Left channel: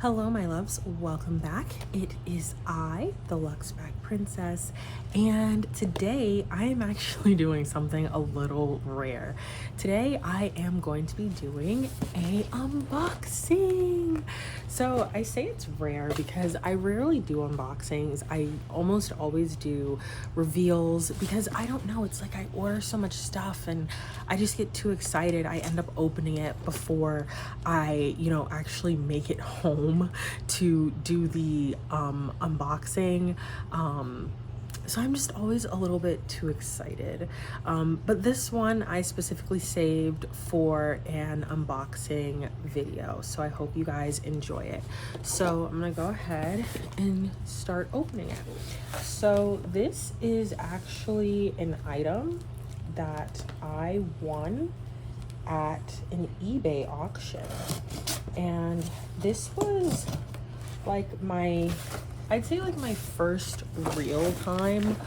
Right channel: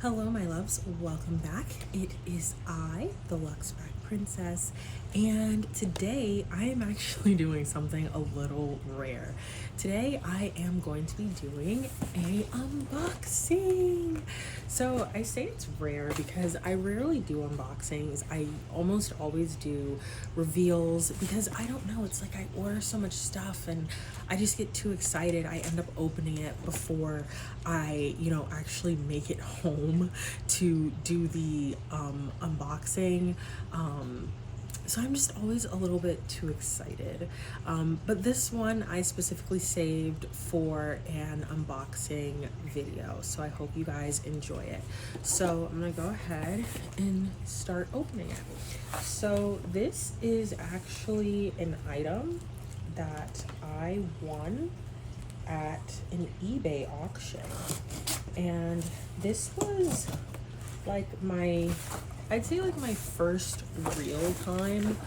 Hello, my loves. Welcome back. It is I, the Luxe Bag Princess, and today I am actually doing something a little rare. Today I am going to be doing a unboxing. So I say it's rare because I rarely do unboxings. I almost always do reveals because I don't know, it's like I order so much stuff and I just get too excited. I end up opening it before I, actually make it home to do the unboxing. So I'm just always a little bit too excited. But this one I specifically saved for an unboxing video. So I hope you guys enjoy it. So I'm gonna go ahead and start opening it. So this is actually an item that I won at an eBay auction. And this was like I'd say like my first real time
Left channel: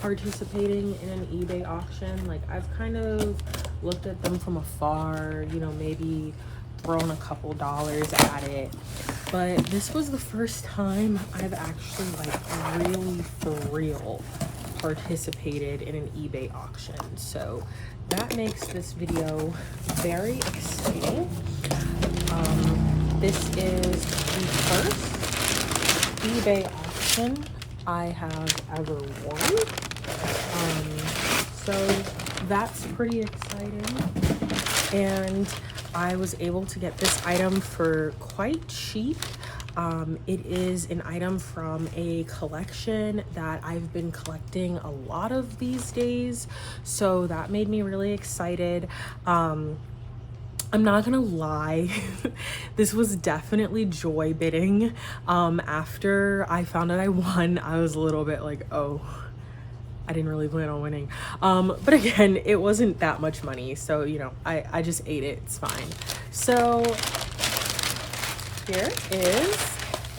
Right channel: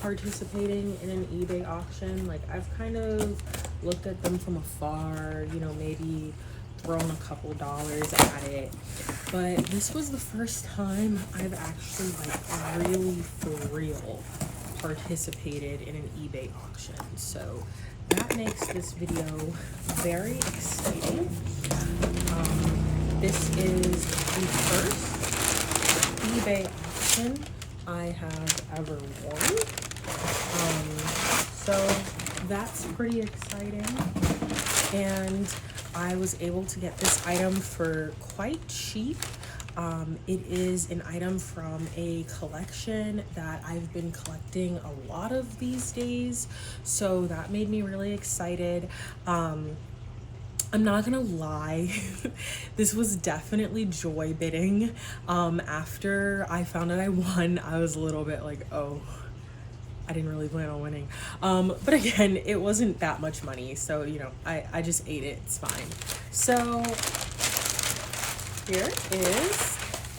participating in an eBay auction. Like I've kind of looked at them from afar, maybe thrown a couple dollars at it. But this was the first time I've actually like really for real participated in an eBay auction. So that makes this video very exciting. This is the first eBay auction I have ever won. So that's pretty exciting. And I was able to get this item for quite cheap. It is an item from a collection that I've been collecting a lot of these days. So that made me really excited. I'm not gonna lie, this was definitely joy bidding. After I found out I won, I was a little bit like, oh, I didn't really plan on winning. But again, it wasn't that much money, so I just ate it, it's fine. So here it is.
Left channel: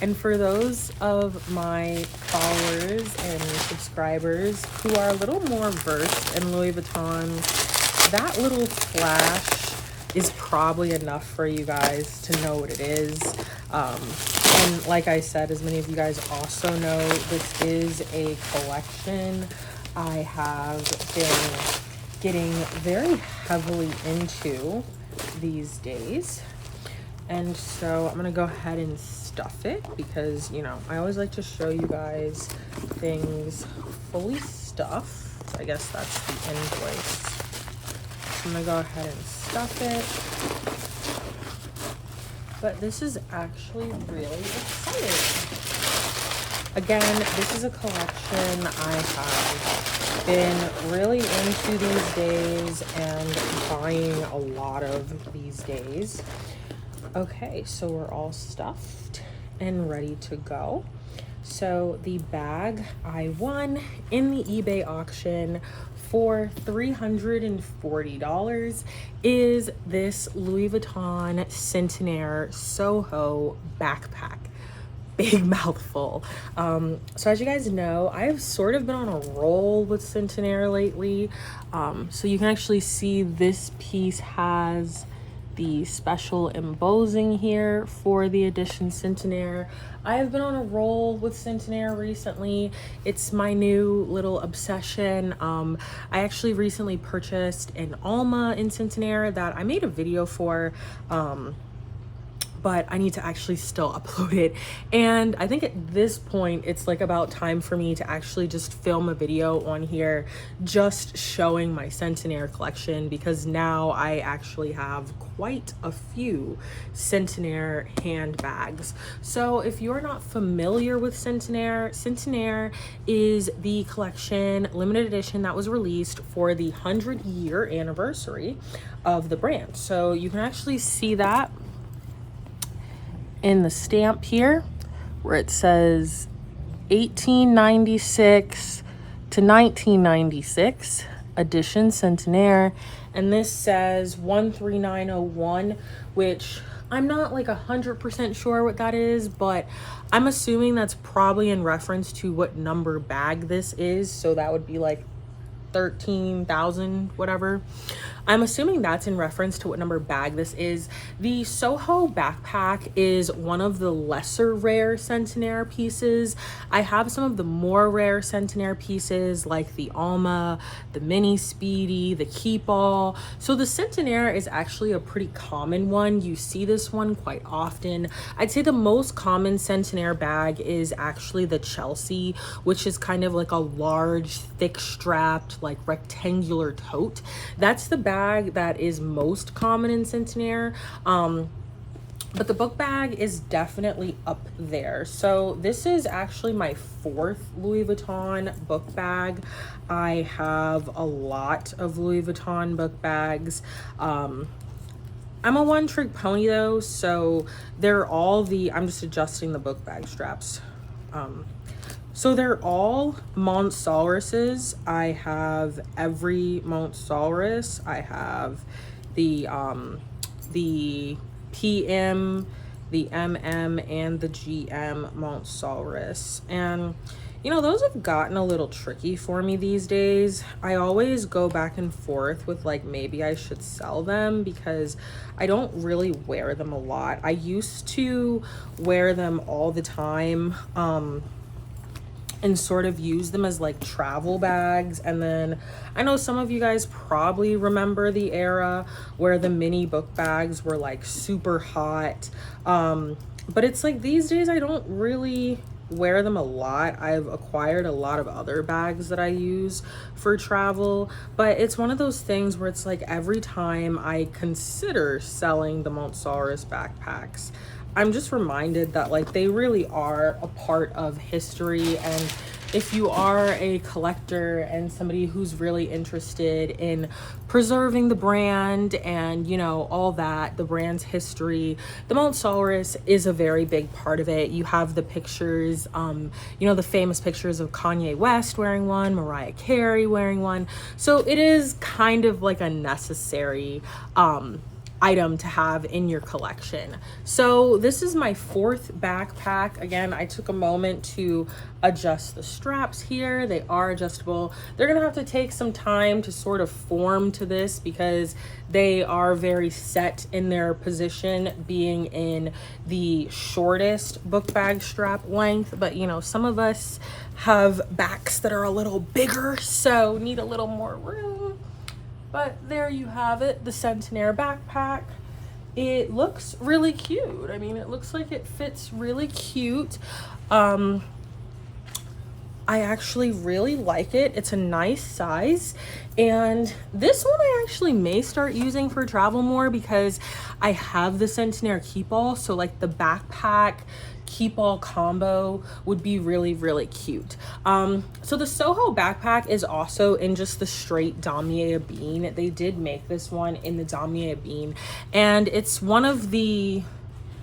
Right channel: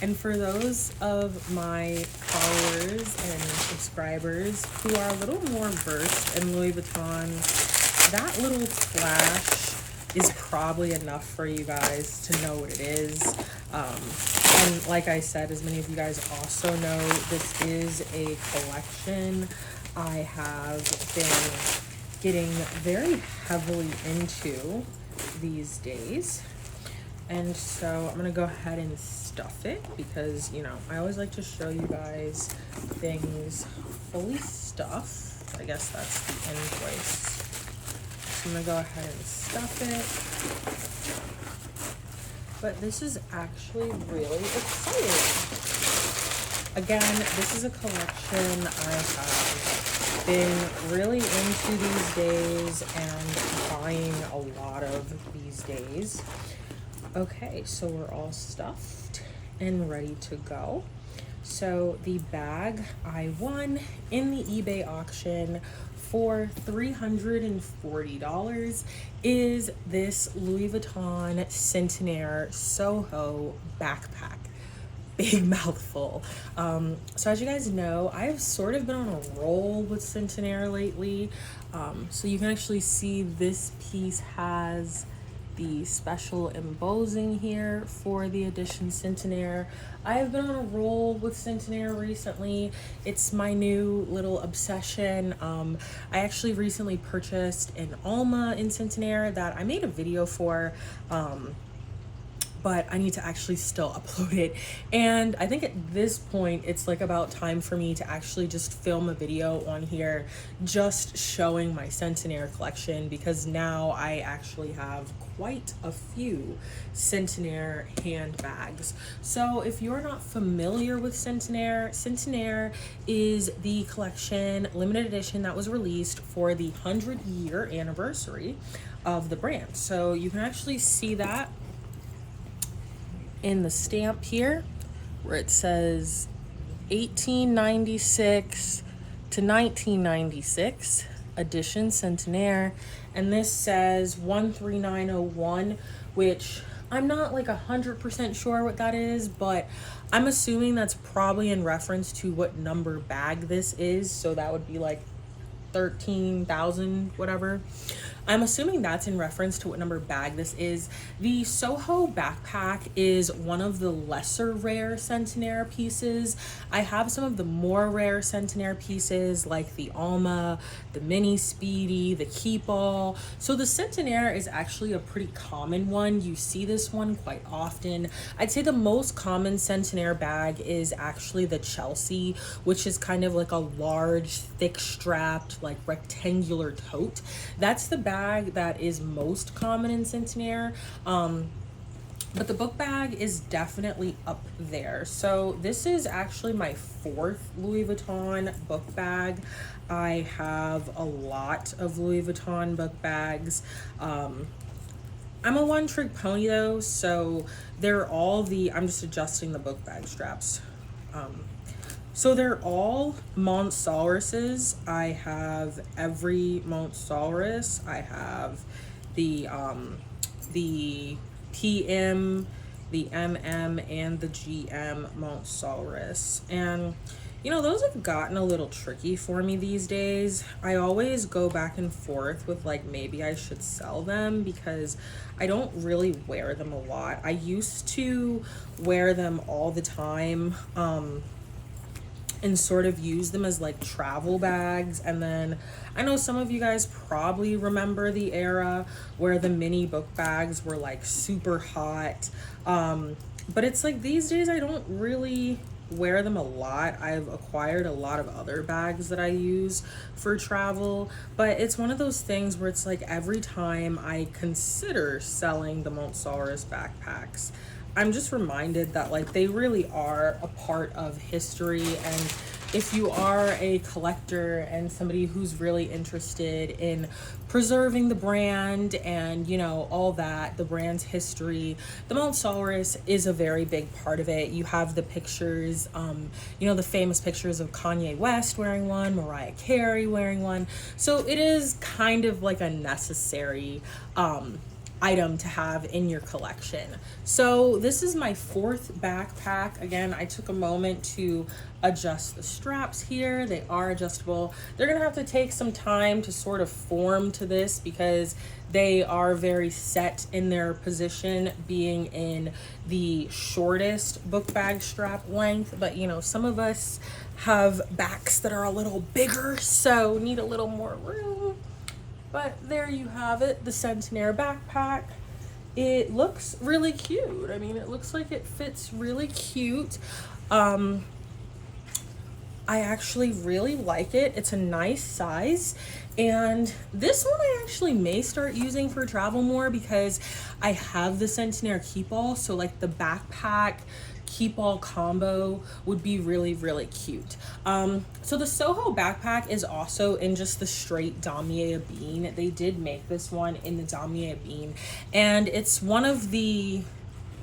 And for those of my followers and subscribers who are a little more versed in Louis Vuitton, that little flash is probably enough for you guys to know what it is. And like I said, as many of you guys also know, this is a collection I have been getting very heavily into these days. And so I'm gonna go ahead and stuff it because, I always like to show you guys things fully stuffed. I guess that's the invoice. I'm gonna go ahead and stuff it. But this is actually really exciting. Again, this is a collection I have been really into these days and buying a lot of these days. Okay, so we're all stuffed and ready to go. So the bag I won in the eBay auction for $340 is this Louis Vuitton Centenaire Soho backpack. Big mouthful. So as you guys know, I've sort of been on a roll with Centenaire lately. So you can actually see this piece has the special embossing here for the edition Centenaire. I've been on a roll with Centenaire recently. It's my new little obsession. I actually recently purchased an Alma in Centenaire that I made a video for, but I need to actually still upload it. And I think at this point, it's like about time for me to actually just film a video on here, just showing my Centenaire collection, because now I actually have quite a few Centenaire handbags. So if you're not familiar with Centenaire, Centenaire is the collection limited edition that was released for the 100-year anniversary of the brand. So you can actually see that in the stamp here where it says 1896 to 1996 edition Centenaire, and this says 13901, which I'm not like 100% sure what that is, but I'm assuming that's probably in reference to what number bag this is. So that would be like 13,000 whatever. I'm assuming that's in reference to what number bag this is. The Soho backpack is one of the lesser rare Centenaire pieces. I have some of the more rare Centenaire pieces like the Alma, the Mini Speedy, the Keep All. So the Centenaire is actually a pretty common one. You see this one quite often. I'd say the most common Centenaire bag is actually the Chelsea, which is kind of like a large, thick strapped, like rectangular tote. That's the bag that is most common in Centenaire. But the book bag is definitely up there. So this is actually my 4th Louis Vuitton book bag. I have a lot of Louis Vuitton book bags. I'm a one-trick pony though, so they're all I'm just adjusting the book bag straps. So they're all Montsalruses. I have every Montsalrus. I have the PM, the MM, and the GM Montsalrus. And you know, those have gotten a little tricky for me these days. I always go back and forth with like, maybe I should sell them because I don't really wear them a lot. I used to wear them all the time, and sort of use them as like travel bags. And then I know some of you guys probably remember the era where the mini book bags were like super hot. But it's like these days I don't really wear them a lot. I've acquired a lot of other bags that I use for travel, but it's one of those things where it's like every time I consider selling the Montsalrus backpacks, I'm just reminded that like they really are a part of history. And if you are a collector and somebody who's really interested in preserving the brand and, you know, all that, the brand's history, the Montsalrus is a very big part of it. You have the pictures, you know, the famous pictures of Kanye West wearing one, Mariah Carey wearing one. So it is kind of like a necessary item to have in your collection. So this is my 4th backpack. Again, I took a moment to adjust the straps here. They are adjustable. They're gonna have to take some time to sort of form to this because they are very set in their position, being in the shortest book bag strap length. But you know, some of us have backs that are a little bigger, so need a little more room. But there you have it, the Centenaire backpack. It looks really cute. I mean, it looks like it fits really cute. I actually really like it. It's a nice size. And this one I actually may start using for travel more because I have the Centenaire Keep All. So like the backpack Keep All combo would be really, really cute. So the Soho backpack is also in just the straight damier bean. They did make this one in the damier bean, and it's one of the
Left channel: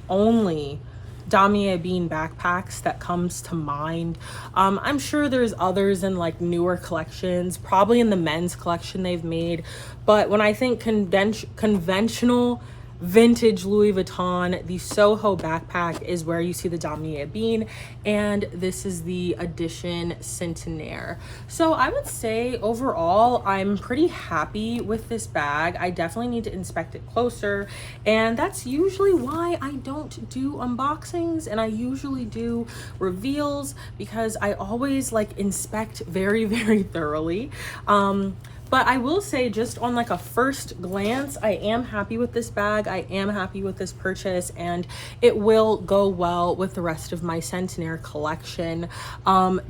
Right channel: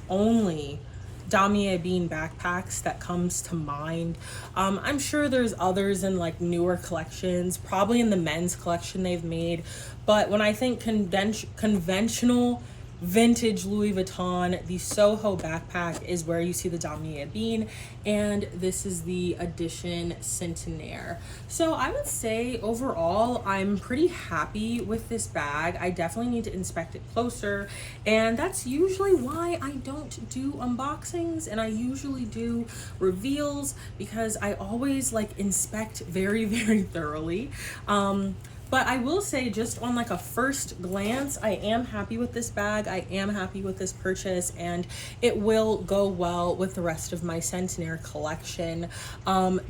only damier bean backpacks that comes to mind. I'm sure there's others in like newer collections, probably in the men's collection they've made, but when I think conventional vintage Louis Vuitton, the Soho backpack is where you see the damier bean, and this is the edition Centenaire. So I would say overall I'm pretty happy with this bag. I definitely need to inspect it closer, and that's usually why I don't do unboxings and I usually do reveals, because I always like inspect very, very thoroughly. But I will say, just on like a first glance, I am happy with this bag. I am happy with this purchase, and it will go well with the rest of my Centenaire collection.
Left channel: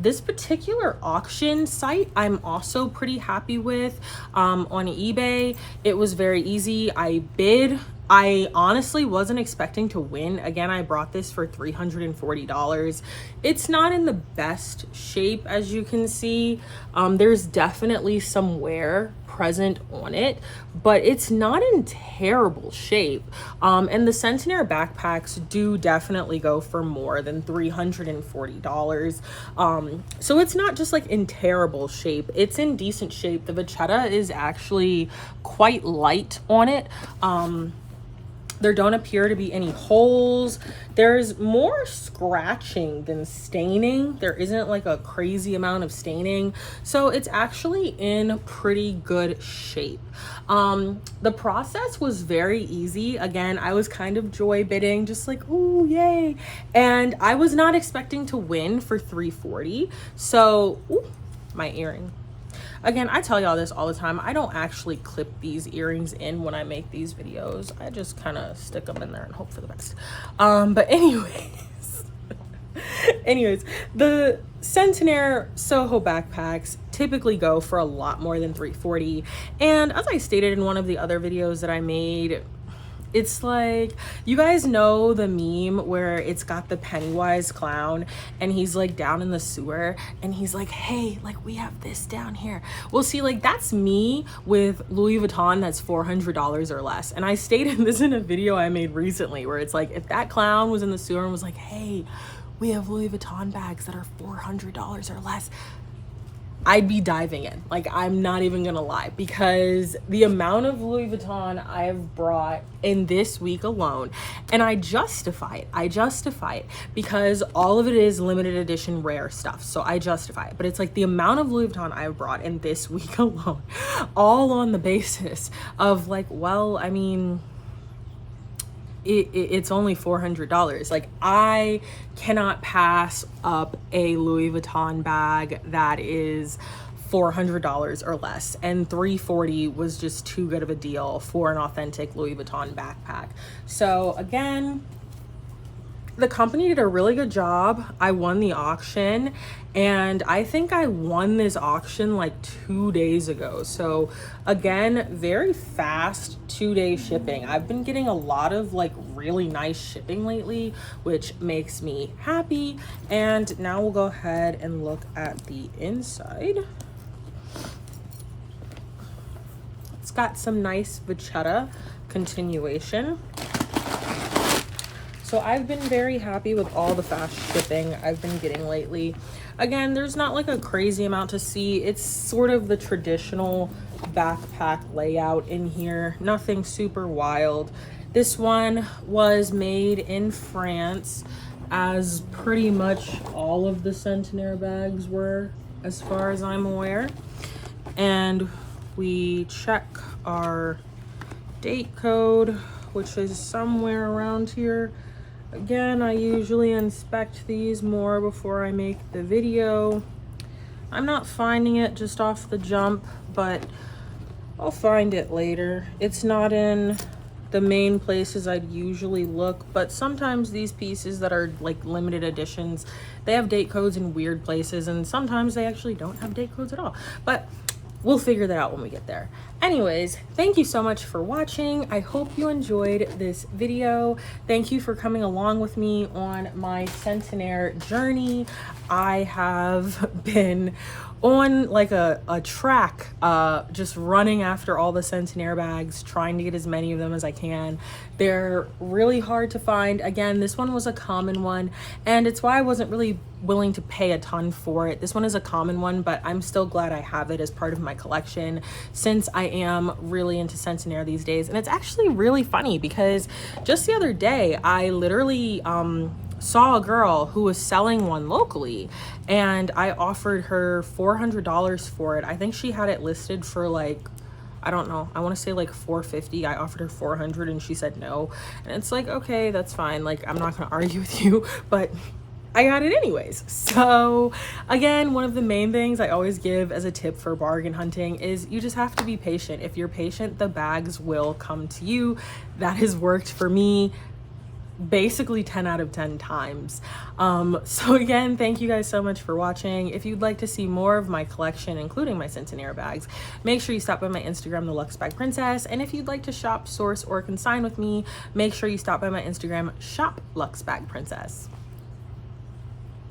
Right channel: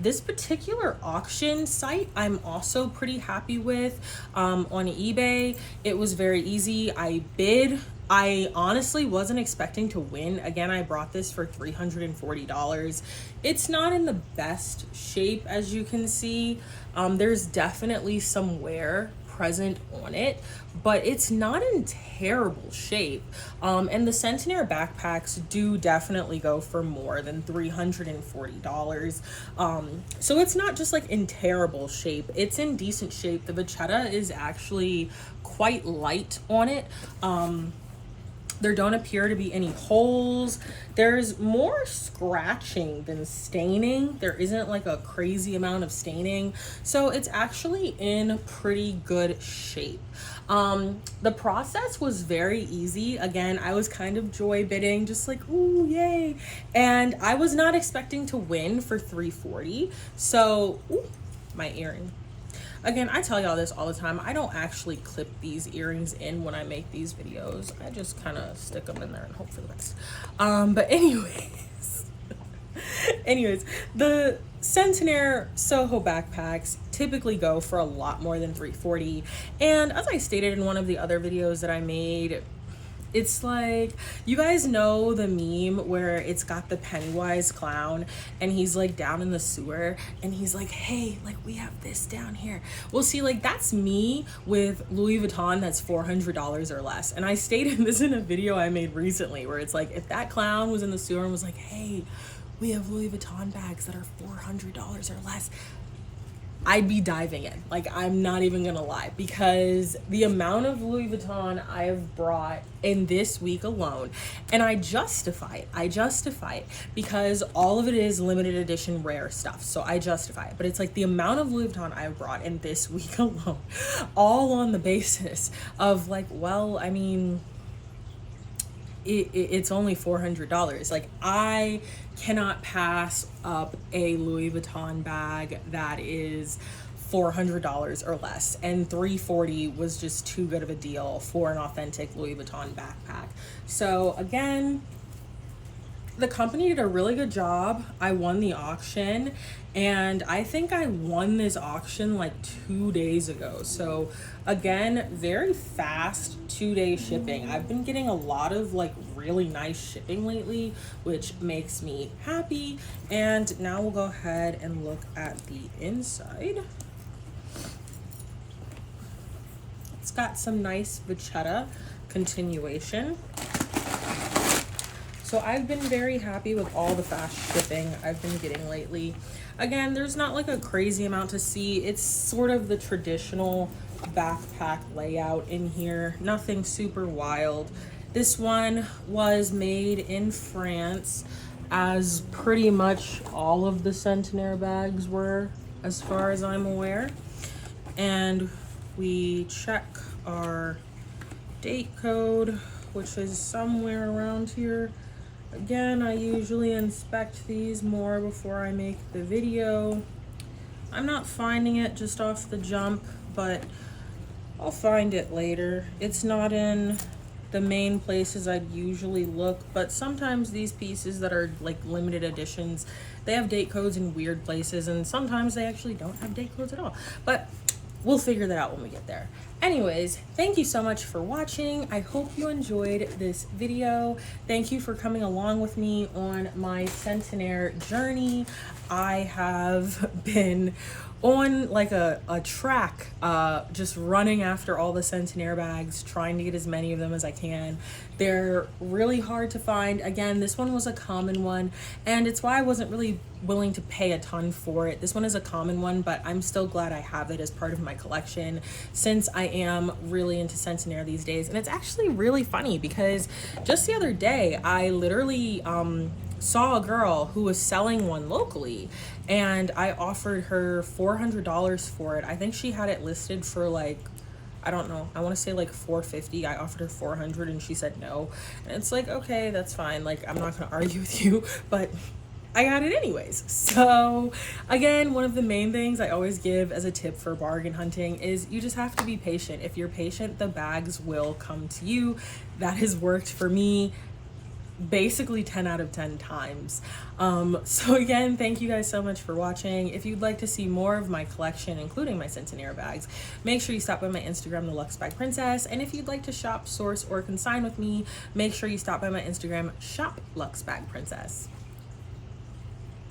This particular auction site I'm also pretty happy with. On eBay, it was very easy. I bid. I honestly wasn't expecting to win. Again, I brought this for $340. It's not in the best shape, as you can see. There's definitely some wear present on it, but it's not in terrible shape. And the Centenaire backpacks do definitely go for more than $340. So it's not just like in terrible shape, it's in decent shape. The vachetta is actually quite light on it. There don't appear to be any holes. There's more scratching than staining. There isn't like a crazy amount of staining. So it's actually in pretty good shape. The process was very easy. Again, I was kind of joy bidding, just like, ooh, yay. And I was not expecting to win for $340. So, ooh, my earring. Again, I tell y'all this all the time. I don't actually clip these earrings in when I make these videos. I just kind of stick them in there and hope for the best. But anyways, the Centenaire Soho backpacks typically go for a lot more than $340. And as I stated in one of the other videos that I made, it's like, you guys know the meme where it's got the Pennywise clown and he's like down in the sewer and he's like, hey, like we have this down here. Well, see, like that's me with Louis Vuitton that's $400 or less. And I stated this in a video I made recently where it's like, if that clown was in the sewer and was like, hey, we have Louis Vuitton bags that are $400 or less, I'd be diving in. Like, I'm not even gonna lie, because the amount of Louis Vuitton I've brought in this week alone, and I justify it because all of it is limited edition rare stuff, so I justify it. But it's like the amount of Louis Vuitton I've brought in this week alone, all on the basis of like, well, I mean, it's only $400. Like, I cannot pass up a Louis Vuitton bag that is $400 or less, and $340 was just too good of a deal for an authentic Louis Vuitton backpack. So again, the company did a really good job. I won the auction, and I think I won this auction like 2 days ago. So again, very fast 2-day shipping. I've been getting a lot of like really nice shipping lately, which makes me happy. And now we'll go ahead and look at the inside. It's got some nice vachetta continuation. So I've been very happy with all the fast shipping I've been getting lately. Again, there's not like a crazy amount to see. It's sort of the traditional backpack layout in here. Nothing super wild. This one was made in France, as pretty much all of the Centenaire bags were, as far as I'm aware. And we check our date code, which is somewhere around here. Again, I usually inspect these more before I make the video. I'm not finding it just off the jump, but I'll find it later. It's not in the main places I'd usually look, but sometimes these pieces that are like limited editions, they have date codes in weird places, and sometimes they actually don't have date codes at all. But we'll figure that out when we get there. Anyways, thank you so much for watching. I hope you enjoyed this video. Thank you for coming along with me on my Centenaire journey. I have been on like a track, just running after all the Centenaire bags, trying to get as many of them as I can. They're really hard to find. Again, this one was a common one, and it's why I wasn't really willing to pay a ton for it. This one is a common one, but I'm still glad I have it as part of my collection, since I am really into Centenaire these days. And it's actually really funny because just the other day, I literally saw a girl who was selling one locally, and I offered her $400 for it. I think she had it listed for like, I don't know, I want to say like $450. I offered her $400 and she said no. And it's like, okay, that's fine. Like, I'm not gonna argue with you, but I got it anyways. So again, one of the main things I always give as a tip for bargain hunting is you just have to be patient. If you're patient, the bags will come to you. That has worked for me basically 10 out of 10 times. So again, thank you guys so much for watching. If you'd like to see more of my collection, including my Centenaire bags, make sure you stop by my Instagram, The Luxe Bag Princess. And if you'd like to shop, source, or consign with me, make sure you stop by my Instagram, Shop Luxe Bag Princess.